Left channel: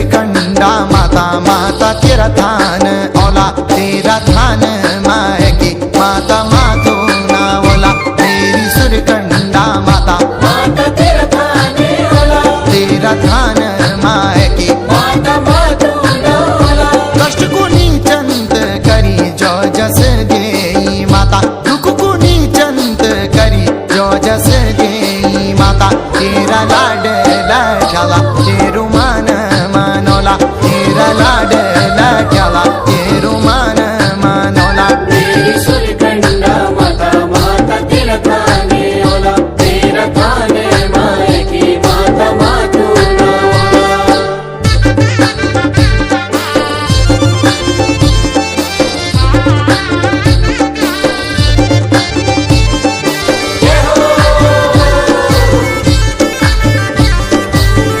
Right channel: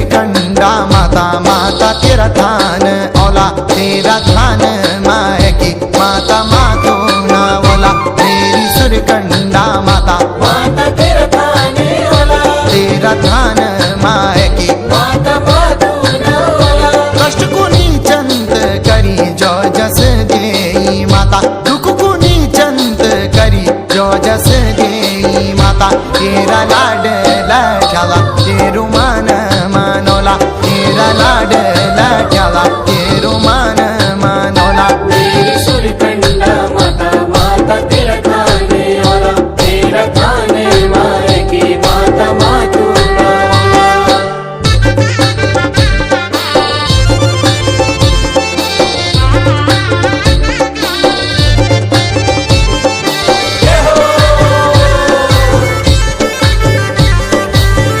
सुरकंडा माता माता तेरा थान औला तेरा थान माय की माता मातो ना ओला मेरी सुरकंडा माता माता तेरा थान औला तेरा थान माय की माता मातो ना औला कष्ट कुनी चंत करी जो जस देई माता दुख कुनी चंत करी जो जस देई माता तेरा लाड लाठाला तेरू मान मानोला तेरा लाड लाठाला तेरू मान मानोला